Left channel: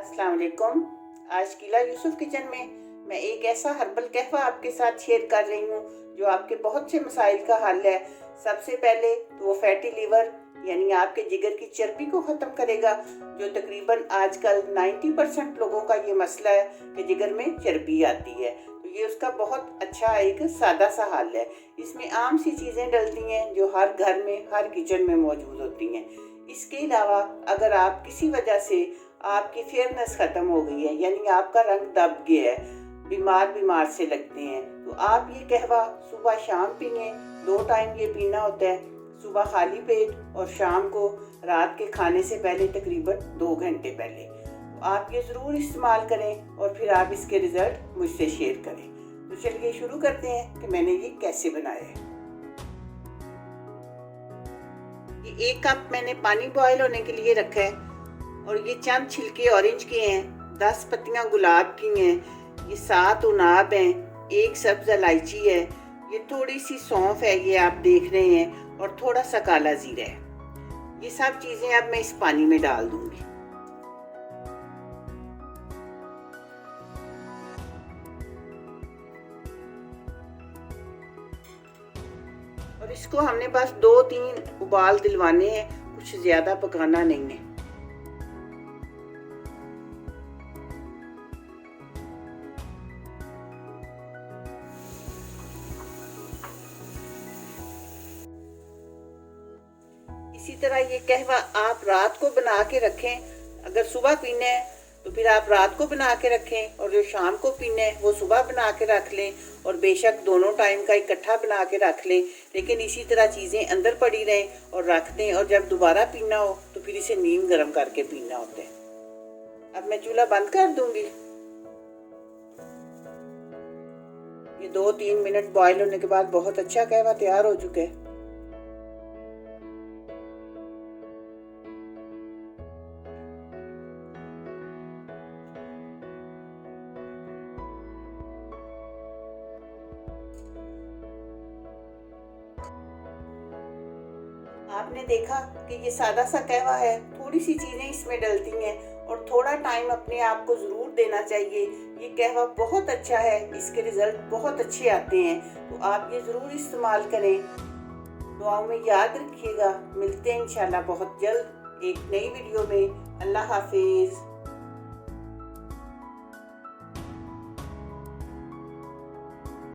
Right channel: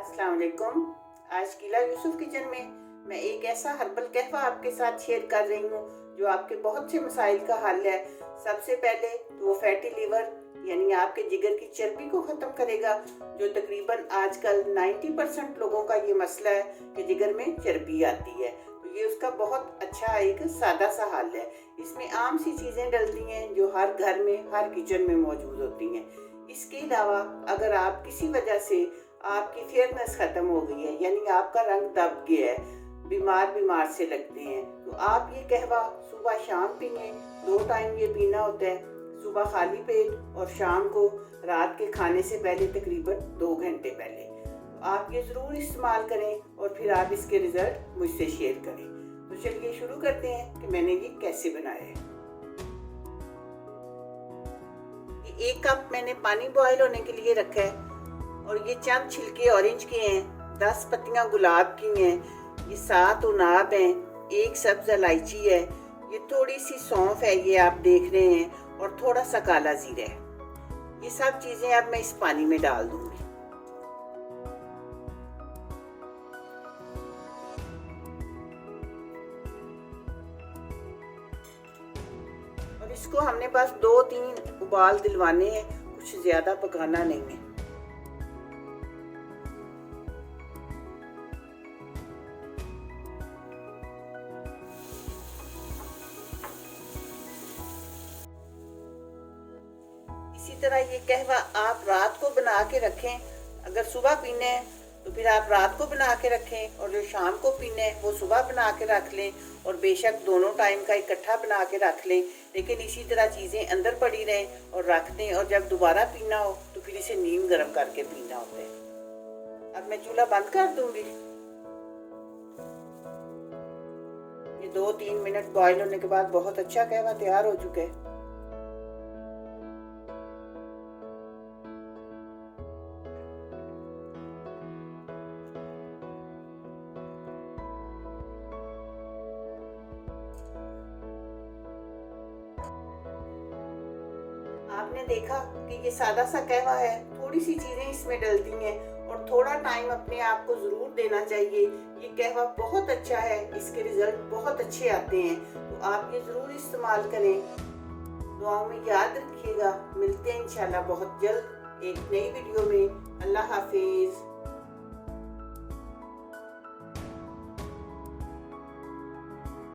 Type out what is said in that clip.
अस्सलाम वालेकुम। आज कीला यूसुफ किचन में मैं एक ऐसा हर्बल कहवा आपके साथ शेयर कर रही हूँ जो आपके बहुत से मसाइल का हल है। सबसे पहले तो वो फैटी लीवर यानी आपके जिगर की चर्बी को ख़त्म करेगा, जो तकरीबन आजकल 90% लोगों का ये मसला है कि जिगर में चर्बी आती है। तो ये उसका बहुत अच्छा एक सादा सा हल है। इसमें आम सी चीज़ें डलती हैं जो हर घर में हर किचन में मौजूद होती हैं। इसके अलावा अगर आप किसी वजह से आपकी फेयरनेस खत्म हो गई है यानी आपका रंग दब गया है, बीमार से लगते हैं, तो आप ये कहवा सुबह शाम पिए। 2 टाइम ये पीना होता है, सुबह खाली पेट और शाम को रात के खाने से पहले तकरीबन 2 घंटे पहले। तो आप ये ज़रूर इस्तेमाल करें और फिर आप इसके रिज़ल्ट मुझसे शेयर करें। तो चलिए शुरू करते हैं कि मैंने ये कैसे बनाया है। ये 1 कप मैंने पानी बॉयल होने के लिए रखा है और ये चंद छिलके ऑरेंज के हैं, 10 पत्तियां गुलाब की हैं, ये 7 उनाब हैं, 1 सब्ज़ इलायची है, ये थोड़ी सी सौंफ है, ये आप देख रहे हैं, और थोड़ा सा काला जीरा है। ये सब चीज़ें अब मैं इस पानी में डाल दूंगी। और इसको हमने बस 2-3 उबाल दिलवाने हैं, कुछ ज़्यादा पकाना नहीं है। इसी तरह ये कहवा आप रात को बना के रखें। अगर सुबह पीना है तो फिर आप रात को बना के रखें, और जो शाम को पीना है वो सुबह बना के रख लें, और बेशक दोनों टाइम का इकट्ठा बना के रख लें, लेकिन इसी तरह चीज़ें अंदर पड़ी रहें और रख दें, और जब दोबारा पीना हो तो फिर इसे नीम गर्म करके पीना होता है। अब मैं चूल्हा बंद कर दूंगी। ये 2-3 मिनट बॉयल होने के बाद बहुत अच्छा कहवा तैयार हो चुका है। आपने देखा कि ये सादा सा कहवा है, थोड़ी सी चीज़ें इसमें डलती हैं और थोड़ा टाइम अपने आप को ज़रूर देना चाहिए। ये कहवा बहुत अच्छा है, इसके रिज़ल्ट बहुत अच्छे आते हैं, तो आप ये ज़रूर इस्तेमाल करें। दुआओं में याद रखिएगा। मिलते हैं इंशाल्लाह बहुत जल्द एक नई वीडियो में। अल्लाह हाफिज़।